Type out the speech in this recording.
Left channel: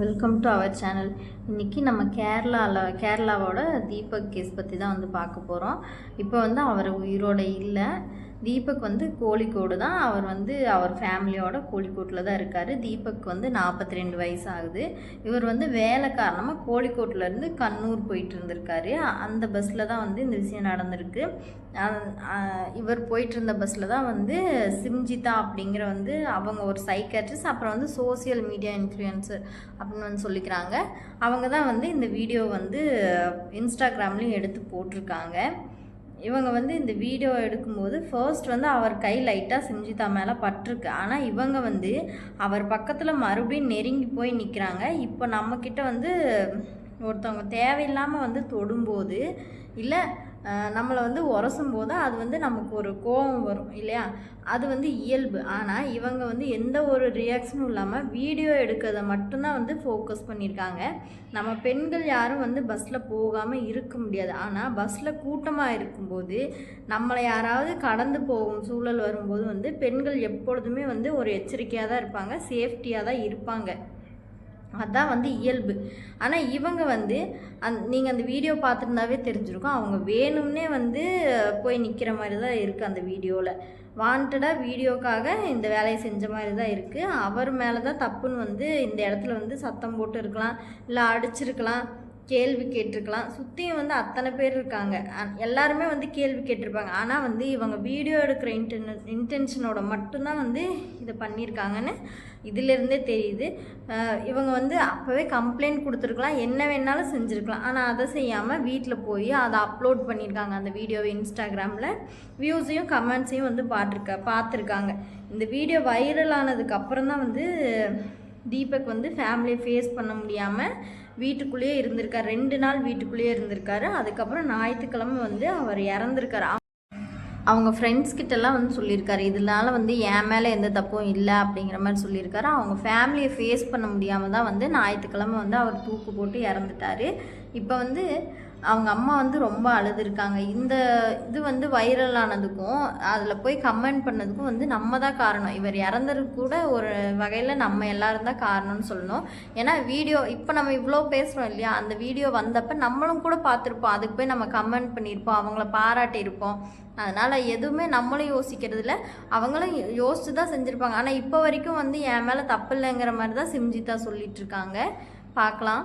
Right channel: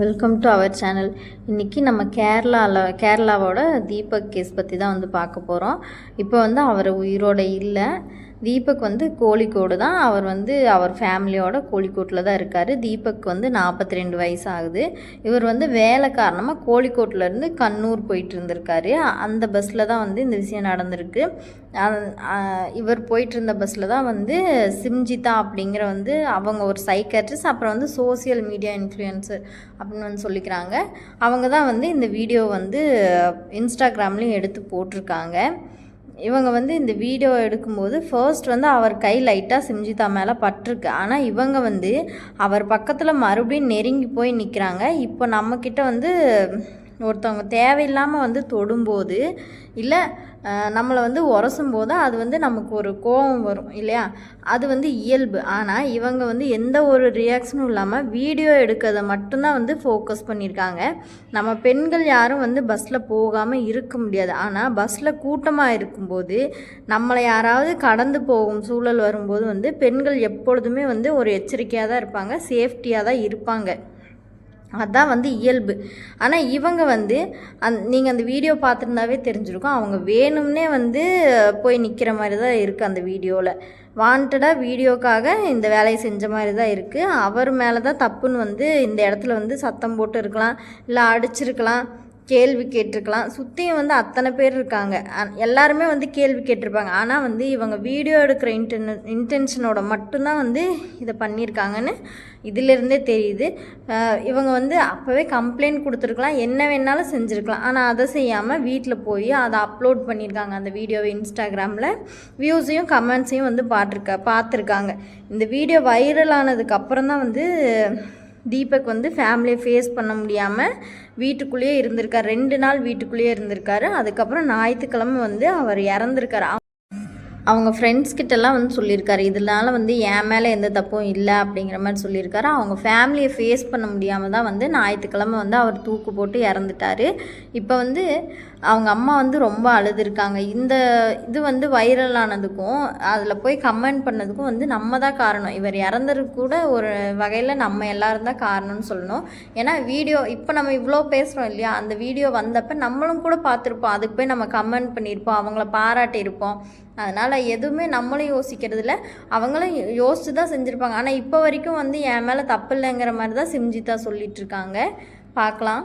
Welcome to our channel. இன்றைக்கி நம்ம கேரளாவோட Deepak case பற்றி தான் வந்து பார்க்க போகிறோம். இப்போ வந்து அவர் உயிரோடு இல்லை. தீபக் வந்து கோழிக்கோடு தான். அவர் ஃபேமிலியோட கோழிக்கோட்டில் தான் இருக்கார். தீபக் வந்து 42 வயசு ஆகுது. இவர் வந்து வேலை காரணமாக கோழிக்கோட்டிலேருந்து கண்ணூர் போயிட்டு இருந்திருக்காரு. அந்த பஸ்ஸில் தான் வந்து இந்த விஷயம் நடந்திருக்கு. இவர் போயிட்டு இருந்த பஸ்ஸில் தான் வந்து சிம்ஜிதா அப்படிங்கிற வந்து அவங்க ஒரு சைக்காட்ரிஸ்ட், அப்புறம் வந்து சோசியல் மீடியா இன்ஃப்ளூயன்சர் அப்படின்னு வந்து சொல்லிக்கிறாங்க. அவங்க தான் வந்து இந்த வீடியோ வந்து இன்ஸ்டாகிராம்லேயும் எடுத்து போட்டிருக்காங்க. இவங்க வந்து இந்த வீடியோ எடுக்கும்போது ஃபர்ஸ்ட் வந்து அவர் கை லைட்டாக சிம்ஜிதா மேலே பட்டிருக்கு. ஆனால் இவங்க வந்து அவர் பக்கத்தில் மறுபடியும் நெருங்கி போய் நிற்கிறாங்க. இப்போ நம்மக்கிட்ட வந்து ஒருத்தவங்க தேவையில்லாமல் வந்து தொடும்போது இல்லை நம்மளை வந்து உரசும்போது அது வந்து நமக்கு ஒரு கோபம் வரும் இல்லையா, அது வந்து இயல்பு. ஆனால் இவங்க வந்து எந்த ஒரு ரியாக்ஷனும் இல்லாமல் வீடியோ எடுக்கிறத மட்டும்தான் வந்து ஃபோக்கஸ் பண்ணியிருக்காங்க. நம்ம பெண்கள் யாரும் வந்து பஸ்ஸில் போகாமல் இருக்க முடியாது. ஆனால் பஸ்ஸில் கூட்டமாக இருக்கும்போது நம்மளை யாராவது கடந்து போகும் சூழல் வரும்போது வந்து பெண்கள் எப்பொழுதுமே வந்து ஒரு எச்சரிக்கையாக தான் இருப்பாங்க, சேஃப்டியாக தான் இருப்பாங்க. அதுதான் வந்து இயல்பு. ஆனால் இவங்க வந்து நீங்கள் அந்த வீடியோ பார்த்துருந்தாவே தெரிஞ்சிருக்கும், அவங்க வேணும்னே வந்து போய் நிற்கிற மாதிரி தான் இருக்குது. அந்த வீடியோவில் வாண்டடாக வீடியோக்காக இந்த வேலையை செஞ்ச மாதிரி தான் இருக்குது. அவர் மேலே தான் தப்புன்னு வந்து இந்த இடத்துல வந்து சத்தம் போட்டு இருக்கலாம், இல்லை அடிச்சிருக்கலாம், கேள்வி கேட்டிருக்கலாம். சுற்றியும் வந்து அத்தனை பேர் இருக்காங்க, எல்லாருமே வந்து கேள்வி கேட்டிருப்பாங்க. ஆனால் வந்து இவங்க வீடியோ எடுக்கிற இன்டென்ஷனோட மட்டும்தான் வந்து இதை பண்ணியிருக்காங்கன்னு இதிலேருந்தே தெரியுது. இவங்க வந்து அப்போவே கம்ப்ளைண்ட் கொடுத்துருக்கலாம், என்ன வேணாலும் செஞ்சுருக்கலாம். ஆனால் அதை செய்யாமல் வீட்டில் போய் அதை அப்லோட் பண்ணியிருக்காங்க. அந்த வீடியோவை இன்ஸ்டாகிராமில் வியூஸையும் கமெண்ட்ஸையும் வந்து பார்த்துருக்காங்க. இந்த வீடியோ வைரல் ஆனதுக்கப்புறம் தான் வந்து தீபக் வந்து ஃபேமிலியை ஃபேஸ் பண்ண முடியாமல் வீட்டுக்குள்ளேயே இருந்திருக்கார். 2 நாள் வீட்டுக்குள்ளேயே இருந்திருக்காரு. அதுக்கப்புறம் ஞாயிற்றுக்கிழமை வந்து அவர் இறந்துருக்கார். அவங்க ஃப்ரெண்ட்ஸ்கிட்டலாம் வந்து சொல்லியிருக்காரு, இதனால வந்து என் மேலே எந்த தப்பும் இல்லை அப்படிங்கிற மாதிரி சொல்லியிருக்காரு. அவங்க ஃபேமிலியை ஃபேஸ் பண்ண முடியாமல் தான் வந்து ஞாயிற்றுக்கிழமை வந்து அவர் தூக்கு போட்டு இறந்துட்டார். இப்போ வந்து அவங்க அம்மா வந்து ரொம்ப அழுதுருக்காங்க. இந்த இது வந்து வைரல் ஆனதுக்கும் அதில் போய் கமெண்ட் பண்ணதுக்கும் வந்து நம்ம தான் காரணம். இவர் இறந்ததுக்கு கூட ஒரு வகையில் நம்ம எல்லோரும் தான் காரணம்னு சொல்லணும். ஏன்னா வீடியோ இப்போ நம்ம இவ்வளோ பேசுகிறோம் இல்லையா, அந்த வீடியோ வந்தப்போ நம்மளும் கூட பார்த்துருப்போம், அதுக்கு போய் நம்ம கமெண்ட் பண்ணியிருப்போம், அவங்கள பாராட்டியிருப்போம். அதனால் எதுவுமே நம்மளும் யோசிக்கிறது இல்லை, அவங்களும் யோசித்து தான் செஞ்சுருப்பாங்க. ஆனால் இப்போ வரைக்கும் வந்து என் மேலே தப்பு இல்லைங்கிற மாதிரி தான் சிம்ஜிதா சொல்லிகிட்ருக்காங்க. பார்க்கலாம்.